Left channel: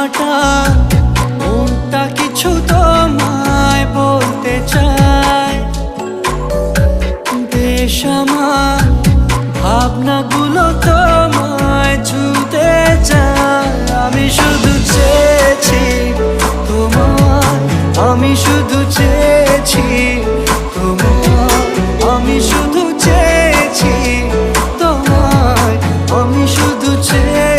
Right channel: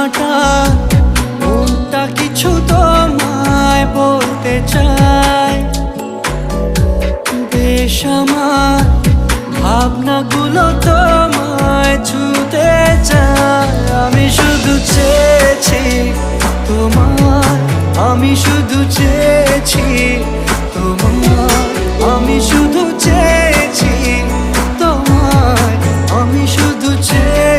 কাটা মনটা কিছু তোমায় বলতে চায়। বেশ আমার ভাবনাগুলো তোমায় ছুতে চায়। আমি শুধু চেয়েছি তোমায়, আমি শুধু চেয়েছি তোমায়, আমি শুধু চেয়েছি তোমায়, আমি শুধু চেয়েছি